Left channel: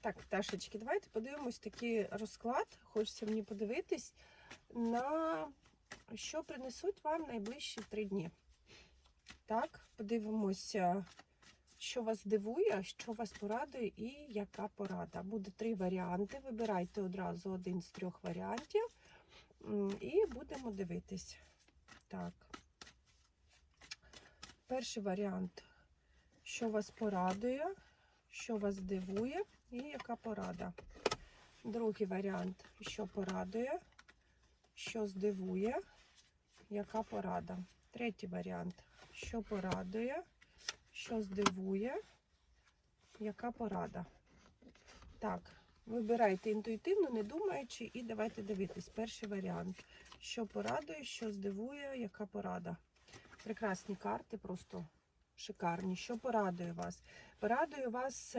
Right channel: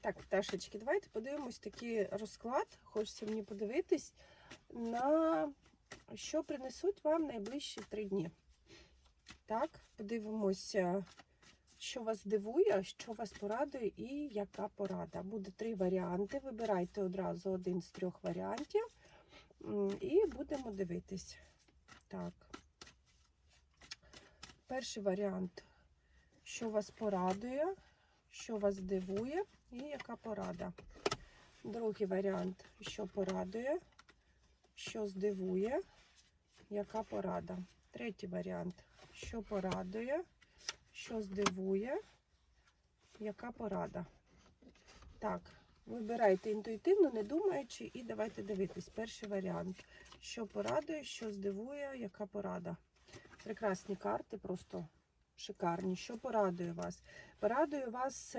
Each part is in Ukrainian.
Так, пташечки, давайте подивимось такий розклад. Хочеться мені подивитись на що принесуть вам найближчі три дні. Так, подивимося, що вас дивує, що вас порадує і яка порада. Буде три варіанти. Вибирайте одразу один з трьох варіантів. І будемо дивитись. Так. Перший варіант, що вас порадує, що вас дивує і яка порада. Другий варіант, що порадує, що здивує, яка порада. Третій варіант, що порадує, що здивує, яка порада. Так, вибирайте інтуїтивно, не думаючи, і давайте дивитись. Перший варіант. Що порадує, що здивує, яка порада. Прекрасні карти, просто шикарні. Що порадує вас? Порадує вас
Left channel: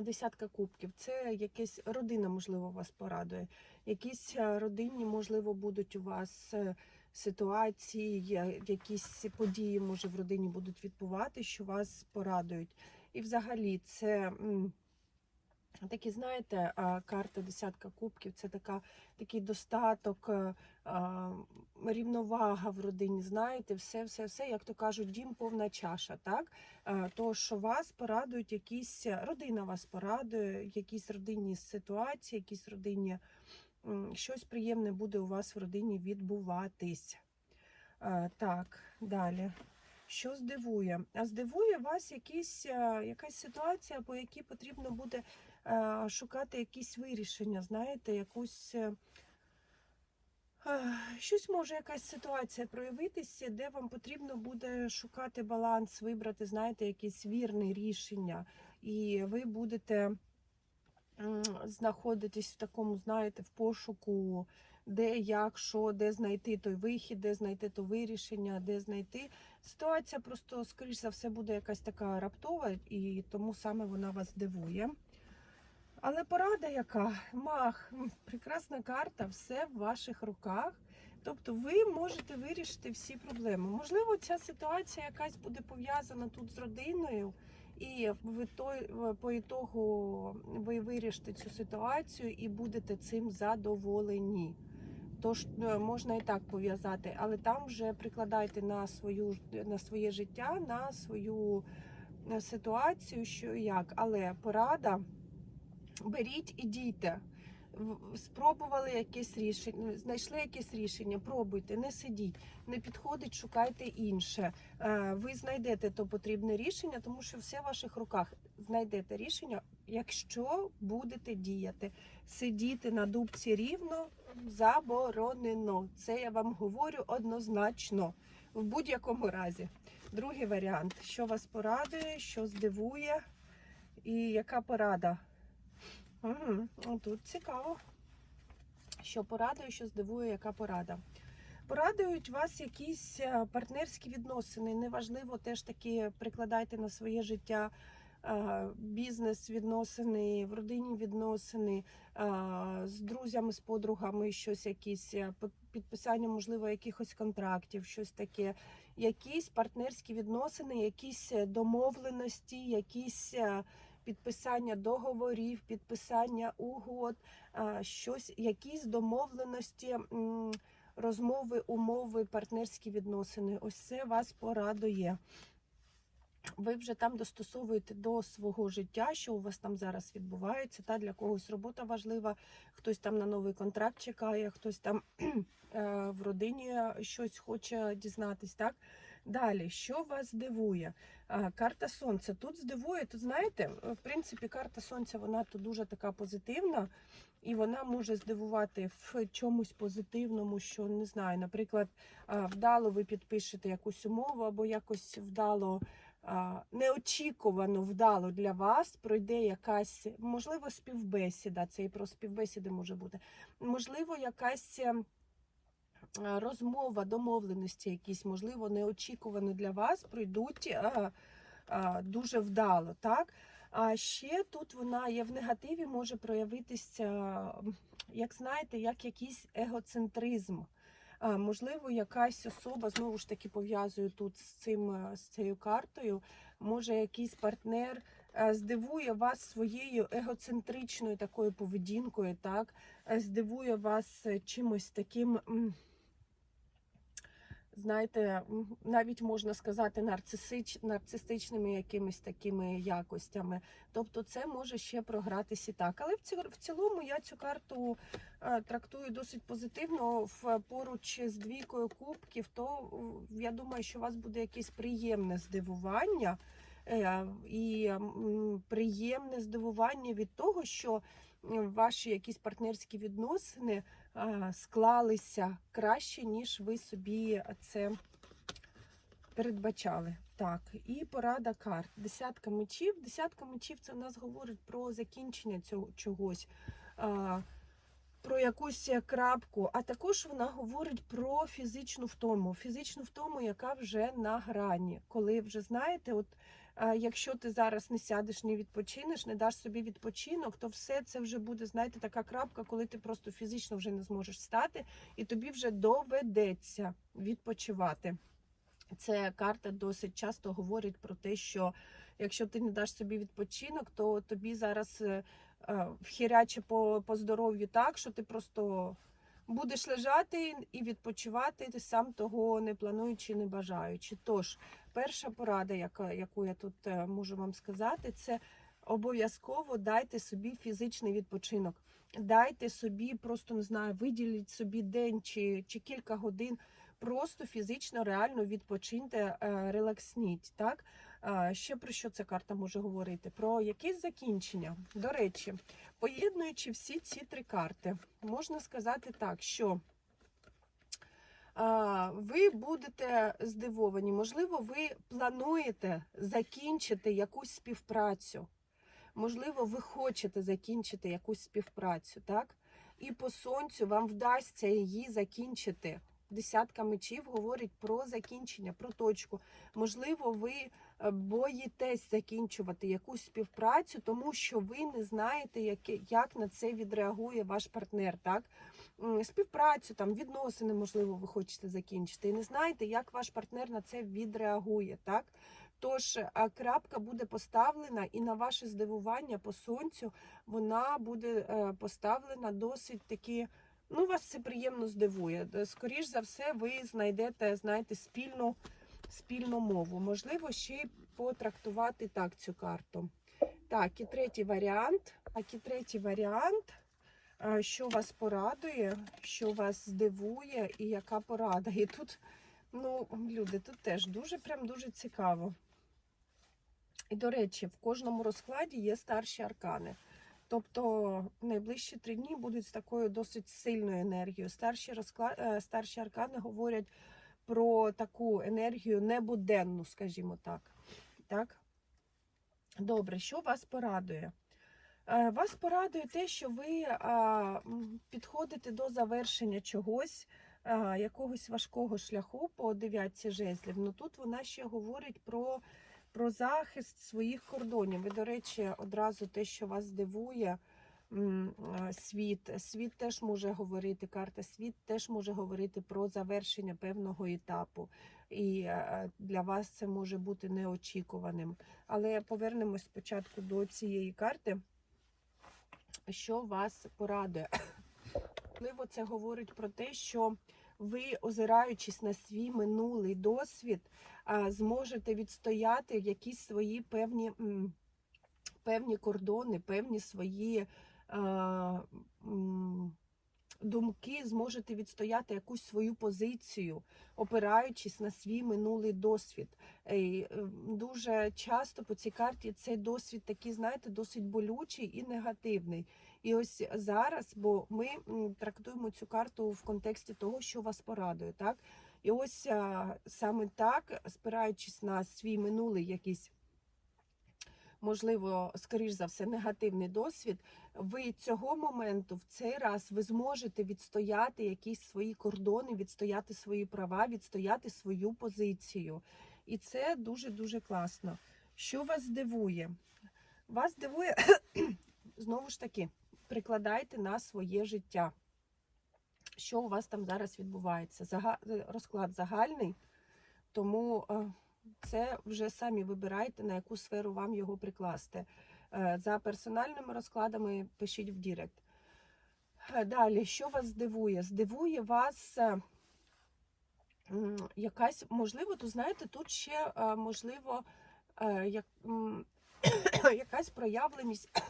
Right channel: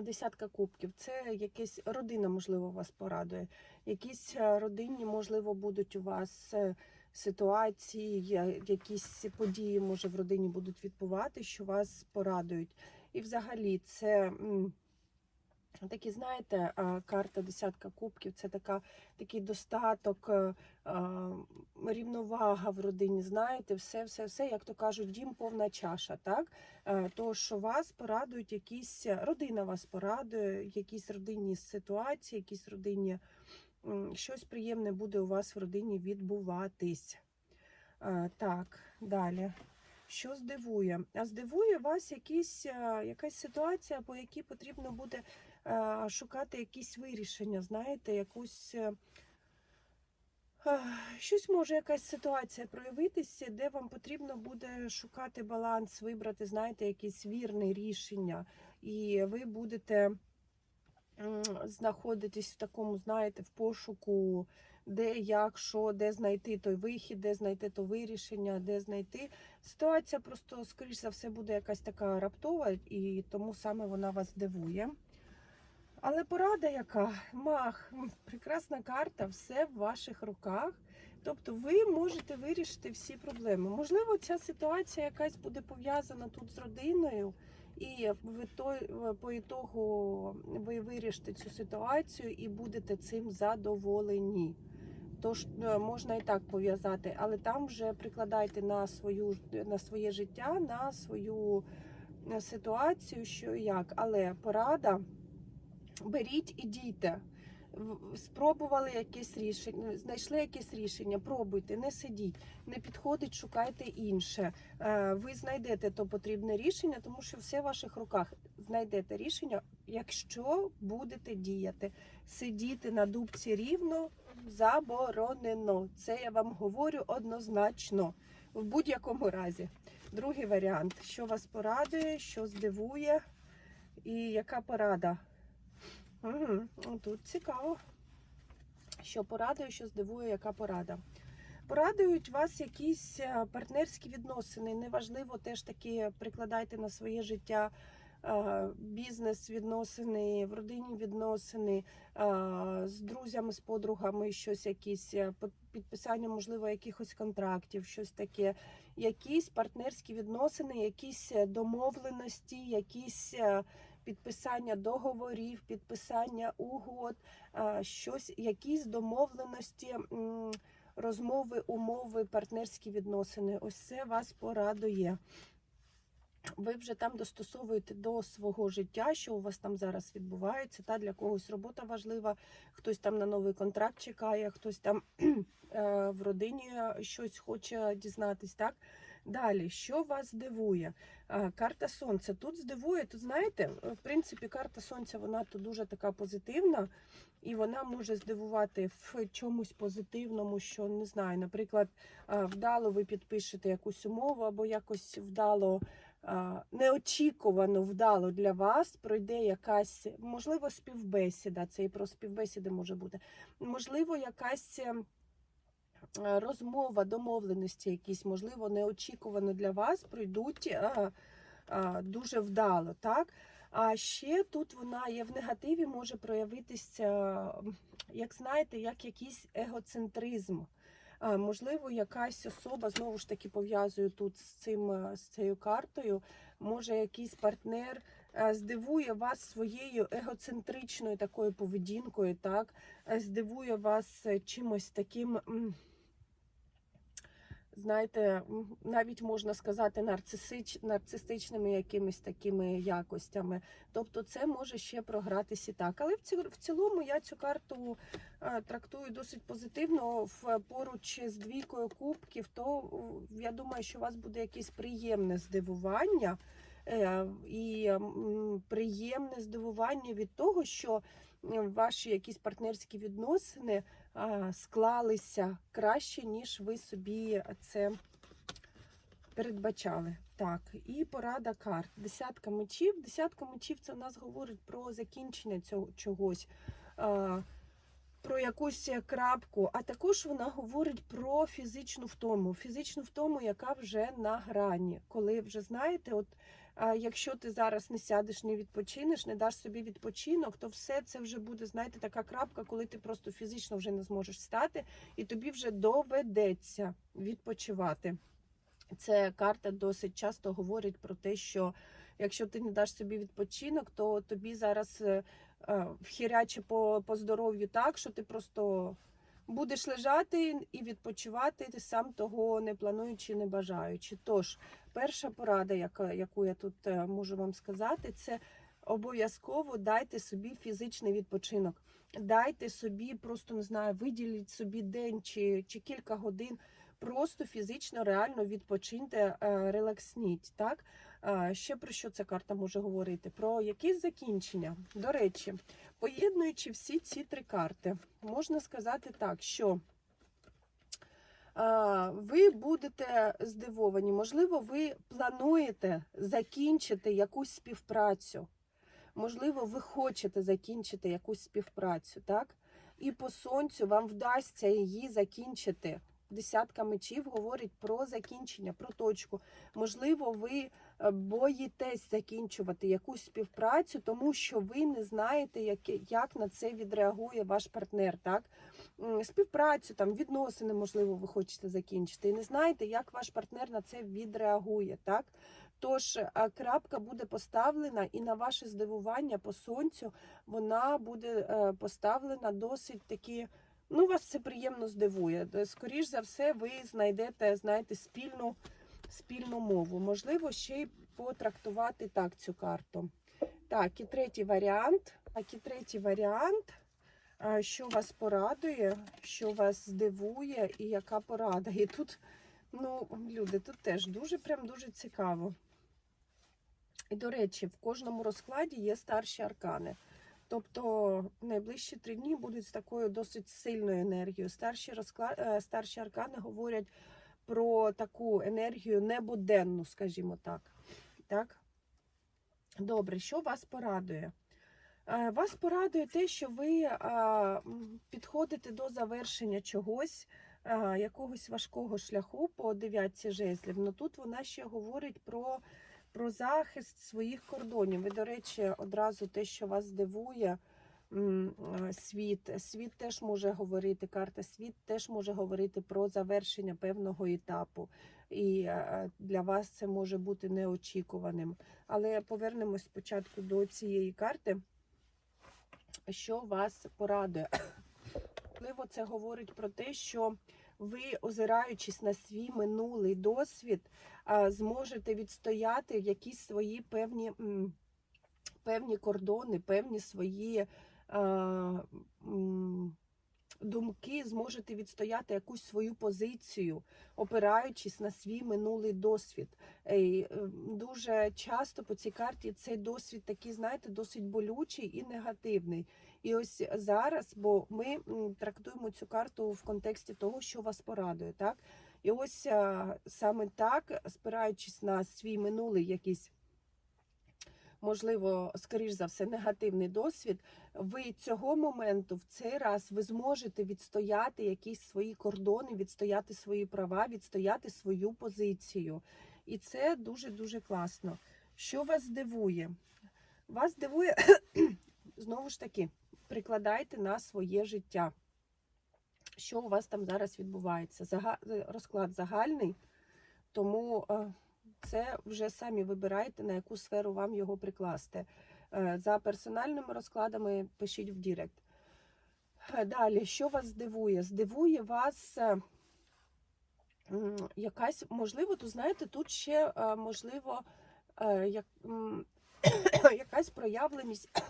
десятка кубків. Це якась родина, можливо, вас порадує. Якісь е, родинні, можливо, будуть у вас е, ситуації, якісь події, може, в родині будуть відбувати, що вас порадують. І взагалі це. Такі, знаєте, карта десятка кубків це така, такий достаток, е, рівновага в родині. Знаєте, все, все, все, як то кажуть, дім повна чаша. Так Е, що вас порадують, якісь родина вас порадує, якісь родинні ситуації, якісь родинні щось приємне буде у вас в родині відбуватись. Е, Так, далі. Що здивує? А здивує вас якісь, якась ситуація, по якій потрібно буде шукати якісь вирішення, знаєте, якусь. е, е, Щось може якась ситуація проявитися, де вам потрібно буде шукати баланс, вибрати, знаєте, якесь вірне рішення, і ви будете знаходитись в такому, знаєте, в пошуку, де, як, що, де знайти той вихід, де знайти то вирішення, де знайти. Ситуація просто, скоріш за все, буде якась така раптова, і тому саме вона вас дивує. Але порада яка? Мах, прекрасна карта, все в ваших руках. Тобто ви можете вирішити всі проблеми. Можливо, ця ситуація якась буде пов'язана тут з родиною, і ви той, по ітогу ви вирішите цю ситуацію і будете цим задоволені. Тож е, можна і так пов'язати, але там вже прикладайте на свою на своє життя, на свою е, ситуацію, що і як. Але порада беріть і дійте. Спробували якесь рішення, знайшли якесь рішення, пробуйте, не сидіть, не підходить, шукайте інше. Е, Ви знайдете то потрібне рішення, тому що все в ваших руках. Знайдете рішення, якщо будете діяти. Сидіти на дубці рівно заборонено. Це я вам говорю однозначно, в будь-якому разі. Другий варіант: що вас порадує, що здивує, і яка порада. Угу. Тут цікаво. Що порадує, що здивує, яка порада. Порадують вас якісь е, партнерські відносини. Неважливо, теж таки прикладайте на своє життя е, бізнес відносини, в родині відносини, е, з друзями, з подругами, щось якісь підписання, можливо, якихось контрактів, щось таке, якісь партнерські відносини, якісь домовленості, якісь. Підписання договорів, підписання угод, щось, якісь домовленості, розмови, умови, партнерські відносини. Ось це вас порадує. Ви вже там достосовуєте до свого життя, що у вас там зараз відбувається. Та для когось робота важлива, хтось там на новий контракт чекає, хтось там е, в родині щось хоче дізнатись. Так далі, що вас дивує? Карта сонця тут здивує. Тут знаєте, в принципі, карта сонця вона тут дуже така позитивна, і вона може здивувати в чомусь позитивному, що не знаю, наприклад, вдало ви підпишете якусь умову, або якось вдало. Неочікувано вдало для вас пройде якась, можливо, співбесіда. Це і про співбесіди може бути. Можливо, якась ем, розмова, домовленості якісь, можливо, неочікувано для вас пройдуть а, а, дуже вдало. так? А ще тут вона є в негативі, може проявитися, як знаєте, як якийсь егоцентризм. А, можливо, якась особа знову ж таки пов'язую тут з цим е, з цією картою. Може, якийсь партнер е, здивує вас своєю егоцентричною такою поведінкою, так? Е, Здивує вас е, чимось таким. Знаєте, навіть можна сказати нарцисич, нарцистичними якимись такими якостями. Тобто це може ще програтися так. Але в ці- в цілому я цю карту е, трактую досить позитивно в поруч з двійкою кубків, то я думаю, що у вас буде якесь приємне здивування. е, І приємне здивування від того, що ваші якісь партнерські відносини склалися краще, ніж ви собі це передбачали. Так, і порада карт. Десятка мечів. Десятка мечів це в нас говорить про закінчення цього чогось, про якусь крапку, а також вона говорить про фізичну втому. Фізичну втому, яка вже на грані. Коли вже знаєте, от якщо ти зараз не сядеш, не відпочинеш, не даш собі відпочинок, то все це вже буде, знаєте, така крапка, коли ти просто фізично вже не зможеш стати, і тобі вже доведеться відпочивати. Це карта досить часто говорить про те, що якщо ти не даш собі відпочинок, то тобі зараз е, е, вхіряче по, по здоров'ю так, що ти просто будеш лежати і відпочивати, ти сам того не плануючи, не бажаючи. Тож, перша порада, яку я тут е, можу вам сказати, це обов'язково дайте собі фізичний відпочинок. Дайте собі, просто не знаю, виділіть собі день чи, чи кілька годин просто фізично, реально відпочиньте, е, релаксніть. Так? Ще про що ця карта може говорити? Про якесь закінчення. До речі, поєднуючи всі ці три карти, можна сказати так, що ви будете здивовані. Можливо, ви плануєте закінчити якусь співпрацю. Можливо, ви хочете закінчити якусь співпрацю, так? І по сонцю вам вдасться її закінчити. Десятка мечів говорить про закінчення, про точку. Можливо, ви е, боїтесь закінчувати якусь співпрацю, тому що ви не знаєте, як, як на це відреагує ваш партнер. Так? Співпрацю, там, відносини, можливо, ви хочете закінчити. І не знаєте, як ваш партнер на це відреагує. Так? Тож е, крапка буде поставлена, і на ваше здивування по сонцю вона буде е, поставлена досить таки. Ну, вас це приємно здивує. Де, Скоріш за все, ви знайдете, знаєте, спільну, спільну мову. Можливо, ще й потрактувати так цю карту. Так, і третій варіант. Так, і третій варіант. А, Що вас порадує, що вас здивує, і яка порада. І тут, ну, люди, тут теж дуже прям дуже цікаво. І, до речі, в кожному розкладі є старші аркани. Тобто найближчі три дні будуть з такою досить сильною енергією. Старші розклад... е, старші аркани говорять про таку енергію небуденну, скажімо так. так? Добре, що вас порадує? Е, Вас порадує те, що ви е, підходите до завершення чогось, е, якогось важкого шляху по дев'ятці жезлів. Ну тут вона ще говорить про про захист своїх кордонів. І, до речі, одразу те, що вас здивує, е, світ. Світ теж може говорити, карта світ теж може говорити про завершення певного етапу. І для вас це може бути неочікуваним. Але повернемось спочатку до цієї карти, що вас порадує. Можливо, це говорить про те, що ви, озираючись на свій минулий досвід, зможете відстояти якісь свої певні, певні кордони, певні свої думки, зможете відстояти якусь свою позицію, опираючись на свій минулий досвід. Е, і, е, Дуже часто по цій карті цей досвід такий, знаєте, досить болючий і негативний. І ось зараз, бо ми трактуємо цю карту в контексті того, що вас порадує, так? І ось саме так, спираючись на свій минулий якийсь, можливо, скоріш за все, негативний досвід, ви цього моменту в цей раз ви зможете відстояти якісь свої кордони, відстояти свої права, відстояти свою позицію. І це дуже-дуже класно. Що вас здивує? Вас здивує, знову ж таки, прикладайте на своє життя що у вас там зараз відбувається. Зага... Розклад загальний, тому е, Це вже самі вибирайте, на яку сферу вам його прикласти. Е, За персональними розкладами пишіть в Дірект. Е, Далі, що вас здивує? Здивує вас е, якась, можливо, то знаєте, тут ще можливо як, якась проявленість.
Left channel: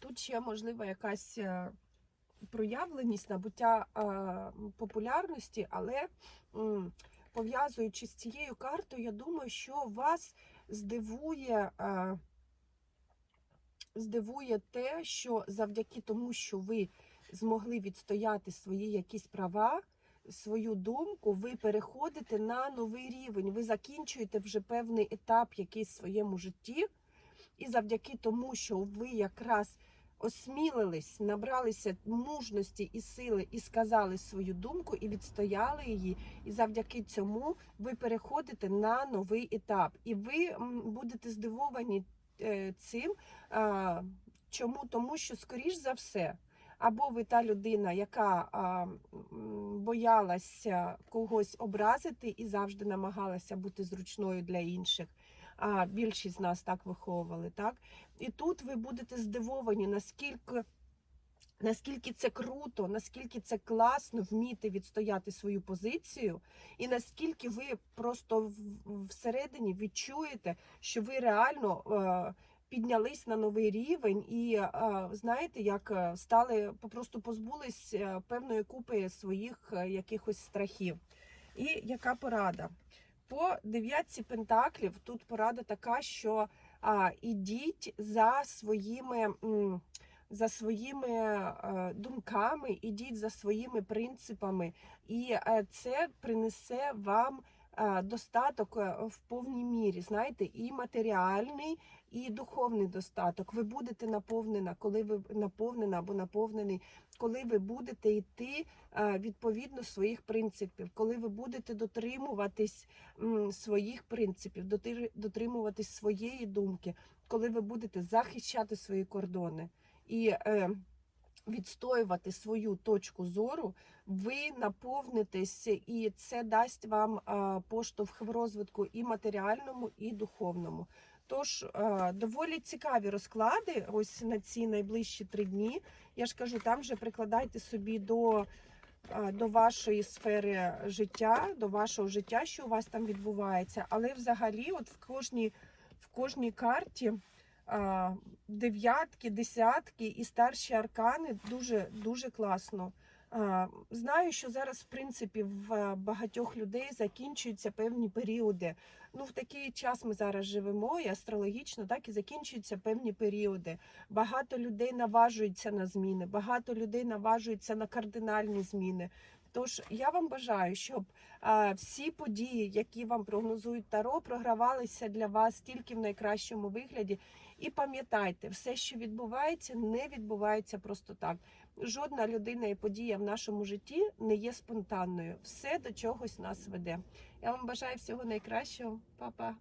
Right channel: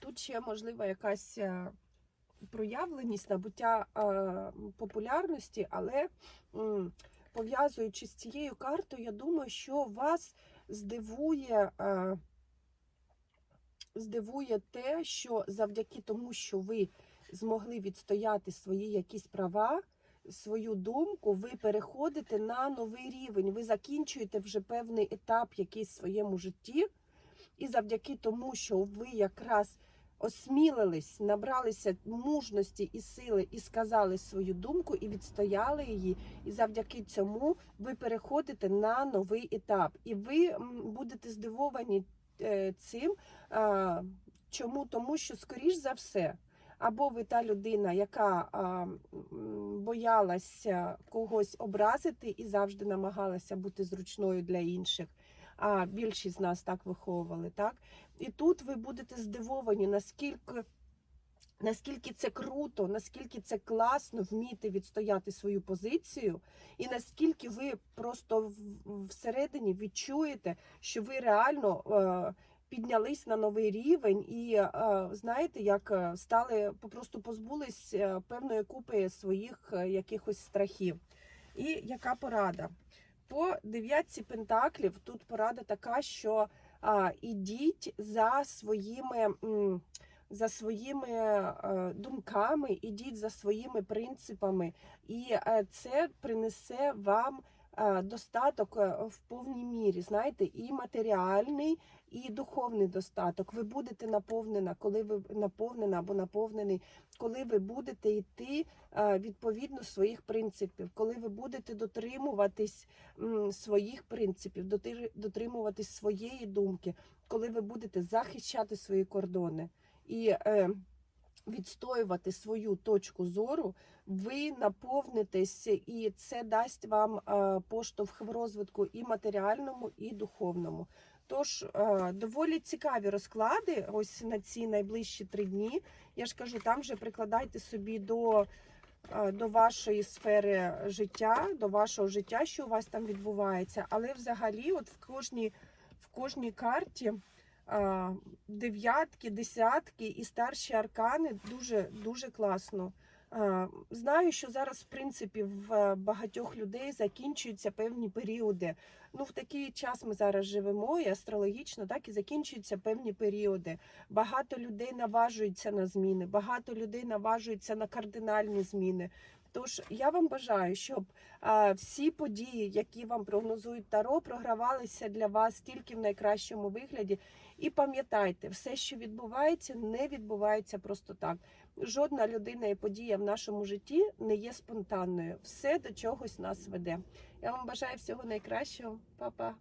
Тут ще можливо якась проявленість набуття популярності, але пов'язуючи з цією картою, я думаю, що вас здивує. е, здивує те, що завдяки тому, що ви змогли відстояти свої якісь права, свою думку, ви переходите на новий рівень. Ви закінчуєте вже певний етап якийсь в своєму житті, і завдяки тому, що ви якраз осмілились, набралися мужності і сили і сказали свою думку, і відстояли її. І завдяки цьому ви переходите на новий етап. І ви будете здивовані е, цим. Чому? Тому що, скоріш за все, або ви та людина, яка а, боялася когось образити і завжди намагалася бути зручною для інших. А більшість з нас так виховували, так? І тут ви будете здивовані, наскільки. Наскільки це круто, наскільки це класно вміти відстояти свою позицію, і наскільки ви просто всередині відчуєте, що ви реально е, піднялись на новий рівень, і е, знаєте, як е, стали попросту позбулись е, певної купи своїх е, якихось страхів. І яка порада? По дев'ятці пентаклів тут порада така, що а, ідіть за своїми. за своїми е, думками, ідіть за своїми принципами, і е, це принесе вам е, достаток в повній мірі. Знаєте, і матеріальний, і духовний достаток. Ви будете наповнена, коли ви наповнена або наповнений, коли ви будете йти е, відповідно своїх принципів, коли ви будете дотримуватись своїх принципів, дотримуватись своєї думки, коли ви будете захищати свої кордони і е, відстоювати свою точку зору, ви наповнитесь, і це дасть вам е, поштовх в розвитку і матеріальному, і духовному. Тож доволі цікаві розклади ось на ці найближчі три дні. Я ж кажу, там вже прикладайте собі до, е, до вашої сфери життя, до вашого життя, що у вас там відбувається. Але взагалі, от в кожній, в кожній карті а, дев'ятки, десятки і старші аркани дуже дуже класно. А, Знаю, що зараз, в принципі, в багатьох людей закінчуються певні періоди. Ну, в такий час ми зараз живемо, і астрологічно, так і закінчуються певні періоди. Багато людей наважуються на зміни, багато людей наважуються на кардинальні зміни. Тож я вам бажаю, щоб а, всі події, які вам прогнозують Таро, програвалися для вас тільки в найкращому вигляді. І пам'ятайте, все, що відбувається, не відбувається просто так. Жодна людина і подія в нашому житті не є спонтанною. Все до чогось нас веде. Я вам бажаю всього найкращого, Па-па.